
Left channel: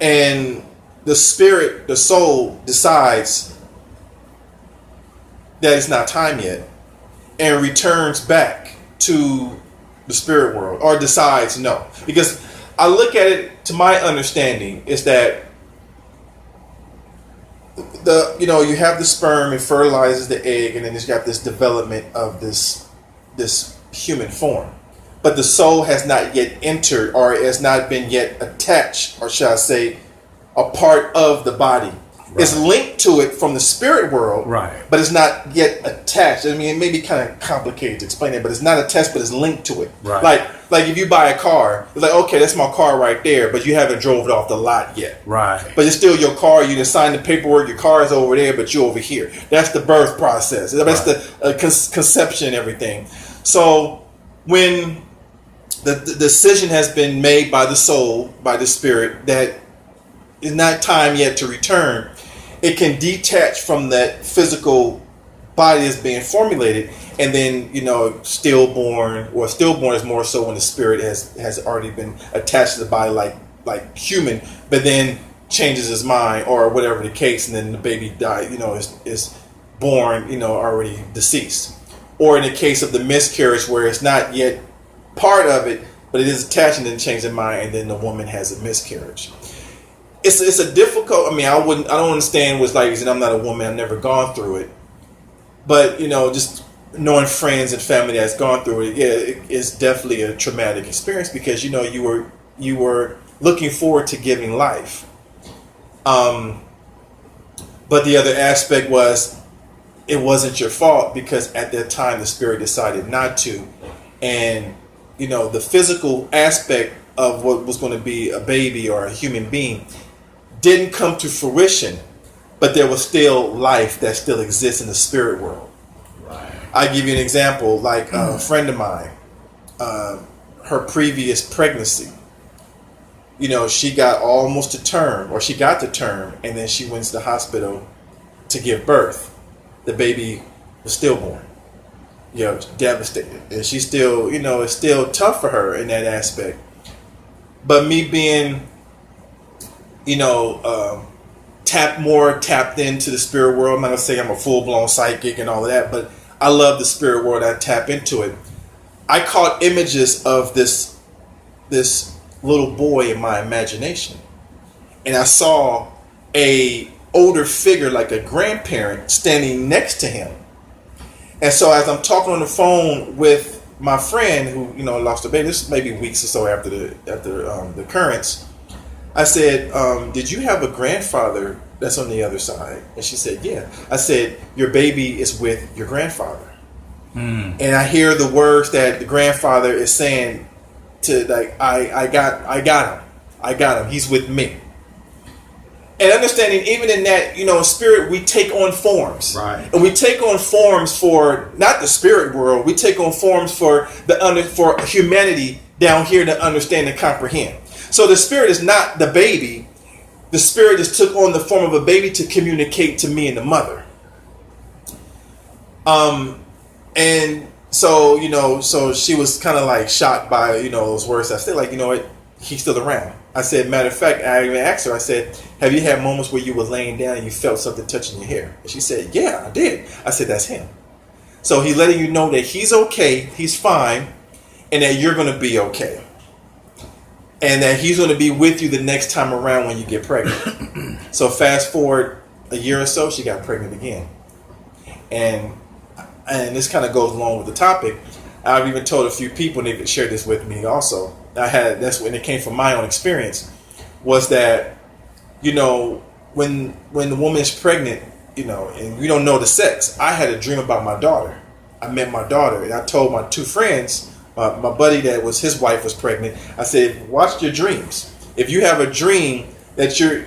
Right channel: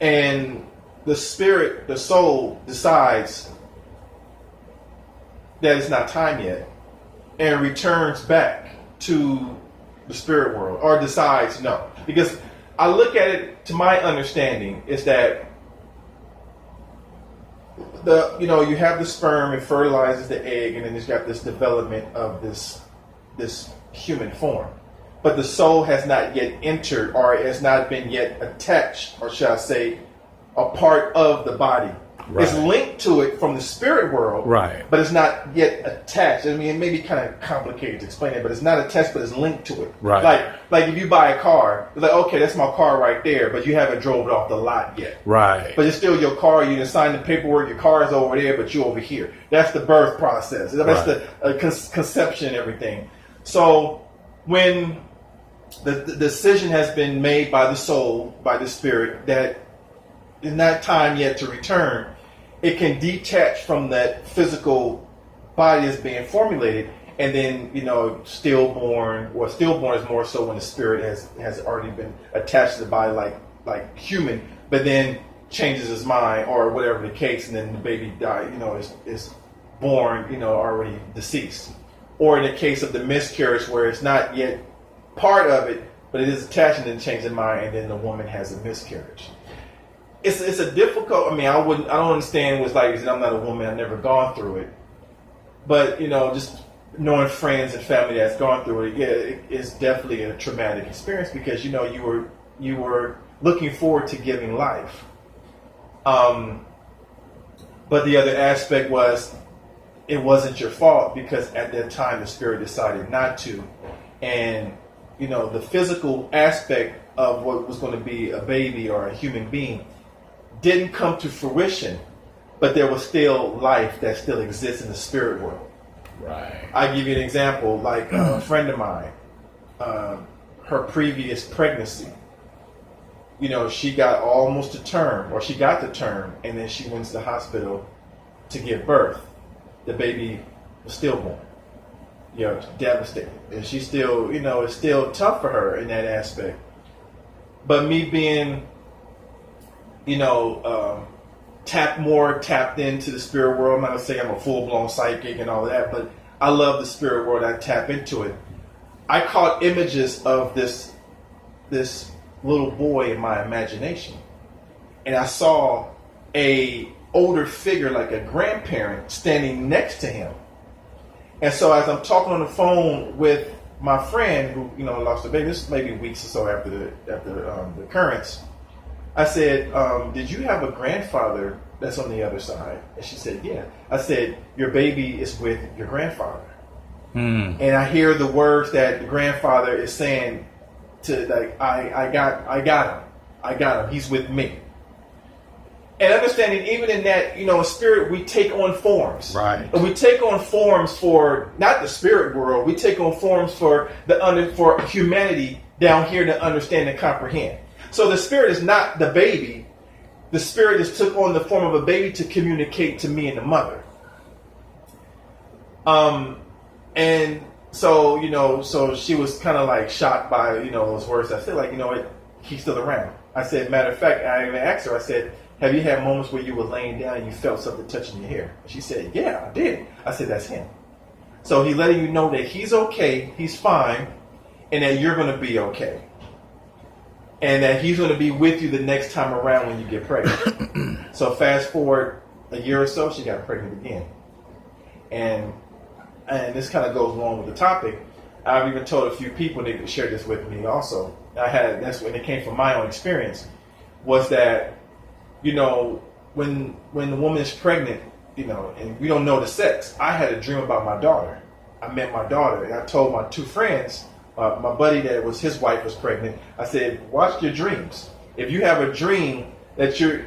and the spirit, the soul decides that it's not time yet and returns back to the spirit world, or decides no. Because I look at it, to my understanding, is that you have the sperm, it fertilizes the egg, and then it's got this development of this human form. But the soul has not yet entered, or has not been yet attached, or shall I say, a part of the body. Right. It's linked to it from the spirit world, right, but it's not yet attached. I mean, it may be kind of complicated to explain it, but it's not attached, but it's linked to it. Right. Like if you buy a car, it's like, okay, that's my car right there, but you haven't drove it off the lot yet. Right. But it's still your car. You didn't sign the paperwork. Your car is over there, but you're over here. That's the birth process. That's the conception and everything. So when the decision has been made by the soul, by the spirit, that it's not time yet to return, it can detach from that physical body that's being formulated, and then stillborn is more so when the spirit has already been attached to the body like human, but then changes his mind or whatever the case, and then the baby is born already deceased. Or in the case of the miscarriage, where it's not yet part of it, but it is attached and then changes their mind, and then the woman has a miscarriage. It's a difficult. I mean, I don't understand what's like, and I'm not a woman. I've never gone through it, but just knowing friends and family that's gone through it, yeah, it's definitely a traumatic experience, because you were looking forward to giving life. But the other aspect was, it wasn't your fault, because at that time the spirit decided not to, and the physical aspect of what was going to be a baby or a human being didn't come to fruition, but there was still life that still exists in the spirit world. Right. I give you an example, like a friend of mine, her previous pregnancy, she got almost to term, or she got to term, and then she went to the hospital to give birth. The baby was stillborn, devastated. And she still, it's still tough for her in that aspect. But me being, tapped into the spirit world, I'm not going to say I'm a full-blown psychic and all of that, but I love the spirit world. I tap into it. I caught images of this little boy in my imagination. And I saw a older figure, like a grandparent, standing next to him. And so as I'm talking on the phone with my friend who, lost a baby, this maybe weeks or so after the occurrence, I said, did you have a grandfather that's on the other side? And she said, yeah. I said, your baby is with your grandfather. And I hear the words that the grandfather is saying to, like, I got him. He's with me. And understanding, even in that, spirit, we take on forms. Right. And we take on forms for, not the spirit world, we take on forms for for humanity down here to understand and comprehend. So the spirit is not the baby. The spirit just took on the form of a baby to communicate to me and the mother. And so, so she was kind of like shocked by, those words. I said, like, what? He's still around. I said, matter of fact, I even asked her, I said, have you had moments where you were laying down and you felt something touching your hair? And she said, yeah, I did. I said, that's him. So he's letting you know that he's okay, he's fine, and that you're going to be okay. And that he's going to be with you the next time around when you get pregnant. So fast forward a year or so, she got pregnant again. And this kind of goes along with the topic. I've even told a few people, and they've shared this with me also. That's when it came from my own experience, was that, when the woman is pregnant, and we don't know the sex, I had a dream about my daughter. I met my daughter, and I told my two friends, my buddy that was, his wife was pregnant, I said, watch your dreams. If you have a dream that you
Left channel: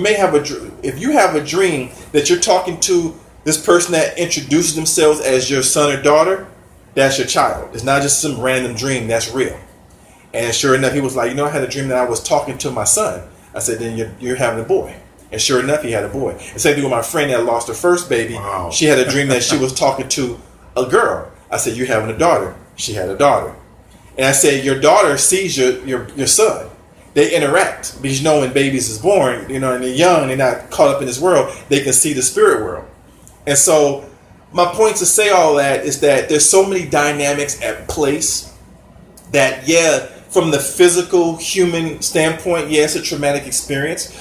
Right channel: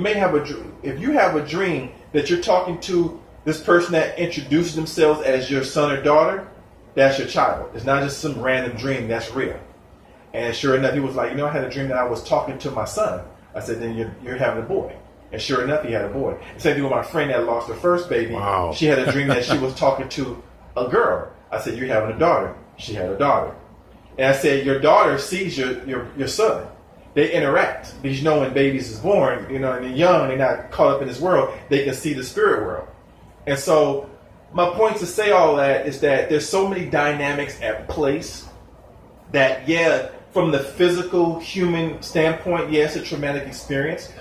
may have if you have a dream that you're talking to this person that introduces themselves as your son or daughter, that's your child. It's not just some random dream, that's real. And sure enough, he was like, I had a dream that I was talking to my son. I said, then you're having a boy. And sure enough, he had a boy. And same thing with my friend that lost her first baby. Wow. She had a dream that she was talking to a girl. I said, you're having a daughter. She had a daughter. And I said, your daughter sees your son. they interact, because when babies is born, and they're young, they're not caught up in this world, they can see the spirit world. And so my point to say all that is that there's so many dynamics at place that, from the physical human standpoint, it's a traumatic experience,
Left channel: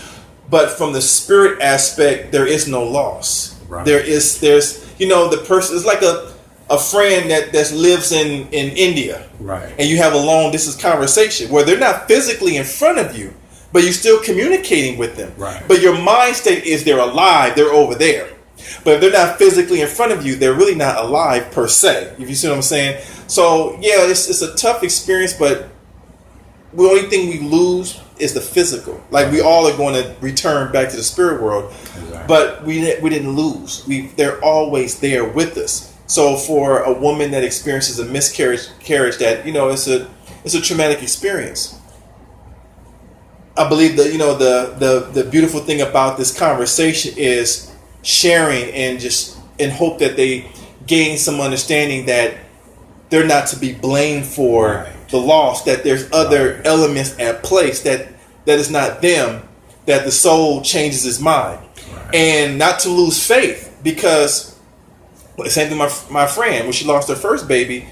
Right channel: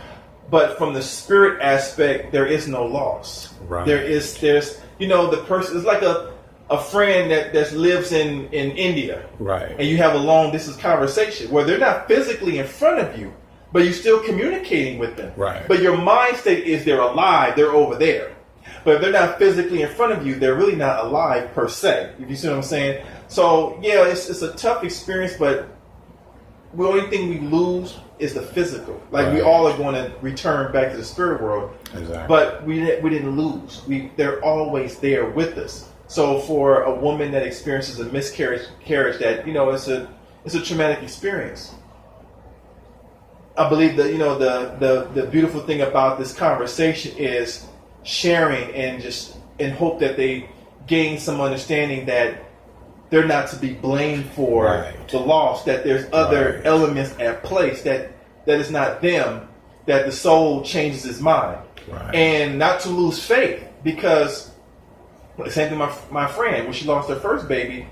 but from the spirit aspect, there is no loss. Right. There's the person, it's like a friend that lives in India, Right. and you have a long distance conversation where they're not physically in front of you, but you're still communicating with them. Right. But your mind state is they're alive, they're over there. But if they're not physically in front of you, they're really not alive per se. If you see what I'm saying. So it's a tough experience, but the only thing we lose is the physical. Like, we all are going to return back to the spirit world, Exactly. but we didn't lose. They're always there with us. So for a woman that experiences a miscarriage, that it's a traumatic experience. I believe that the beautiful thing about this conversation is sharing, and just in hope that they gain some understanding that they're not to be blamed for Right. the loss, that there's other elements at place, that is not them, that the soul changes its mind. Right. And not to lose faith, because same thing, my friend, when she lost her first baby,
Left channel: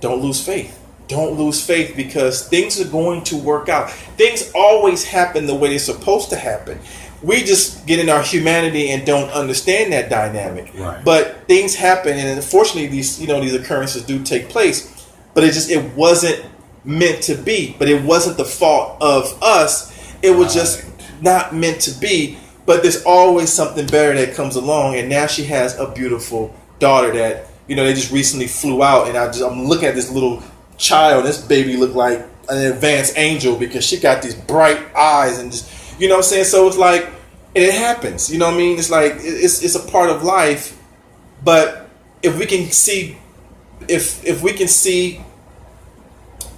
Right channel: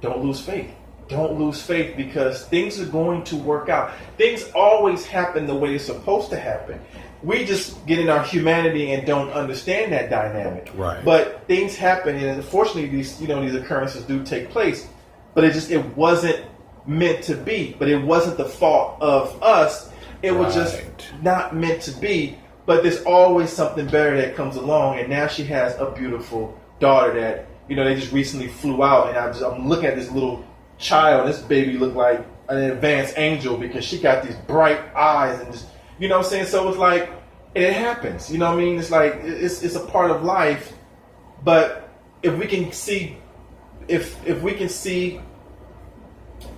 don't lose faith. Don't lose faith, because things are going to work out. Things always happen the way they're supposed to happen. We just get in our humanity and don't understand that dynamic. Right. But things happen, and unfortunately, these occurrences do take place. But it wasn't meant to be. But it wasn't the fault of us. It was just not meant to be. But there's always something better that comes along, and now she has a beautiful daughter that they just recently flew out, and I'm looking at this little child. This baby looked like an advanced angel, because she got these bright eyes, and just what I'm saying. So it's like, it happens. You know what I mean? It's like it's a part of life. But if we can see, if we can see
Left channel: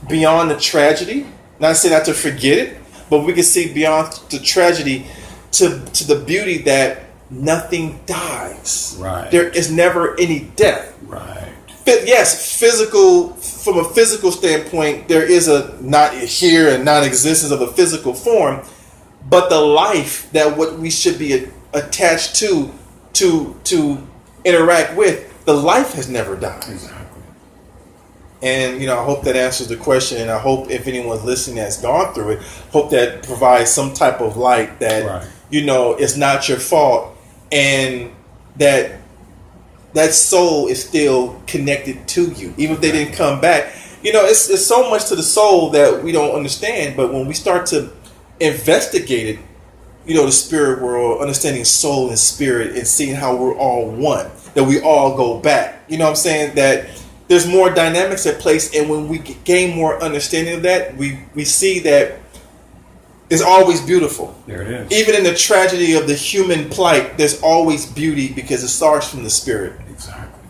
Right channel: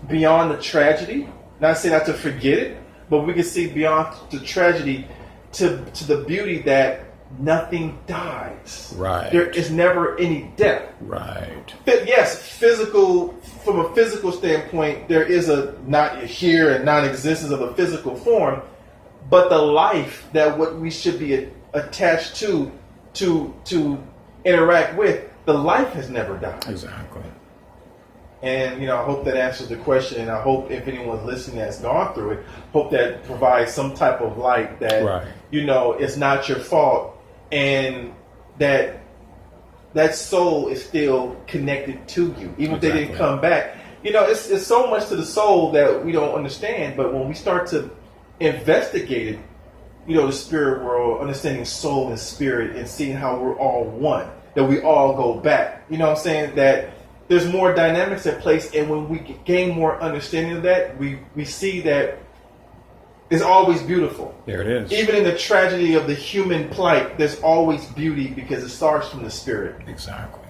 beyond the tragedy, not say not to forget it, but we can see beyond the tragedy to the beauty that nothing dies. Right. There is never any death. Right. Yes, from a physical standpoint, there is a not here and non-existence of a physical form, but the life that what we should be attached to interact with, the life has never died. Exactly. And I hope that answers the question, and I hope if anyone's listening that's gone through it, hope that provides some type of light that Right. It's not your fault, and that soul is still connected to you, even if they didn't come back. It's so much to the soul that we don't understand, but when we start to investigate it, the spirit world, understanding soul and spirit, and seeing how we're all one, that we all go back. You know what I'm saying? That there's more dynamics at place, and when we gain more understanding of that, we see that it's always beautiful. There it is. Even in the tragedy of the human plight, there's always beauty, because it starts from the spirit. Exactly.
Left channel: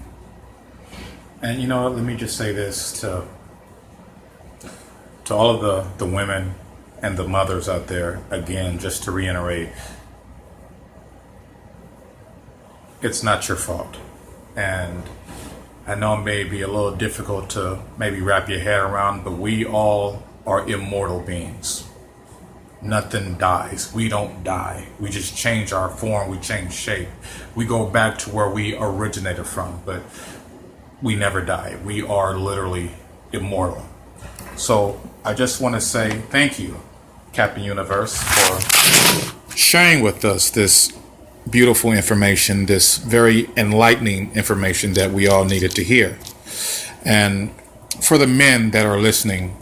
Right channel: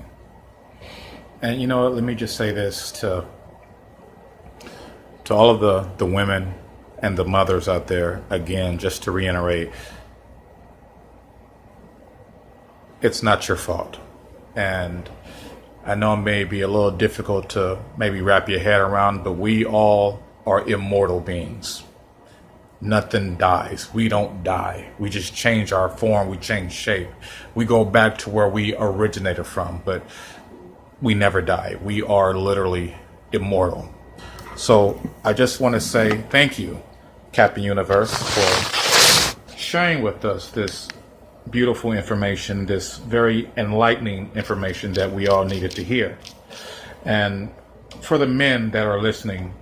And let me just say this to all of the women and the mothers out there, again, just to reiterate, it's not your fault. And I know it may be a little difficult to maybe wrap your head around, but we all are immortal beings. Nothing dies. We don't die. We just change our form. We change shape. We go back to where we originated from, but we never die. We are literally immortal. So I just want to say thank you, Captain Universe, for sharing with us this beautiful information, this very enlightening information that we all needed to hear. And for the men that are listening,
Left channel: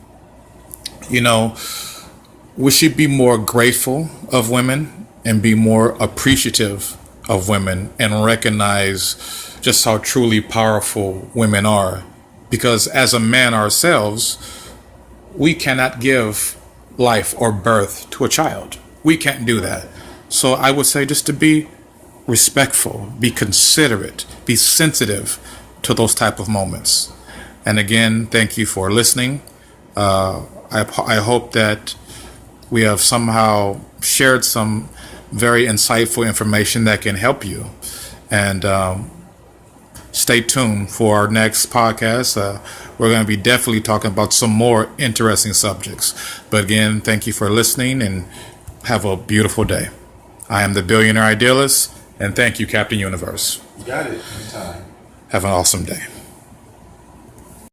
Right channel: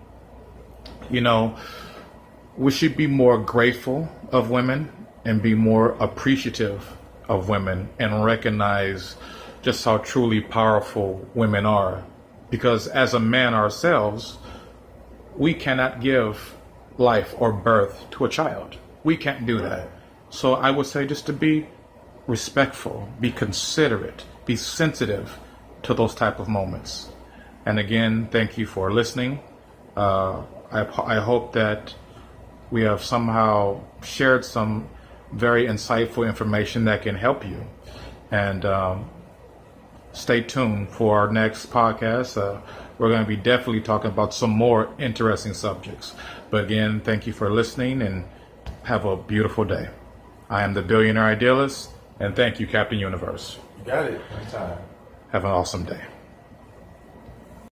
we should be more grateful of women and be more appreciative of women and recognize just how truly powerful women are. Because as a man ourselves, we cannot give life or birth to a child. We can't do that. So I would say just to be respectful, be considerate, be sensitive to those type of moments. And again, thank you for listening. I hope that we have somehow shared some very insightful information that can help you. And stay tuned for our next podcast. We're going to be definitely talking about some more interesting subjects. But again, thank you for listening and have a beautiful day. I am the Billionaire Idealist, and thank you, Captain Universe. You got it. Anytime. Have an awesome day.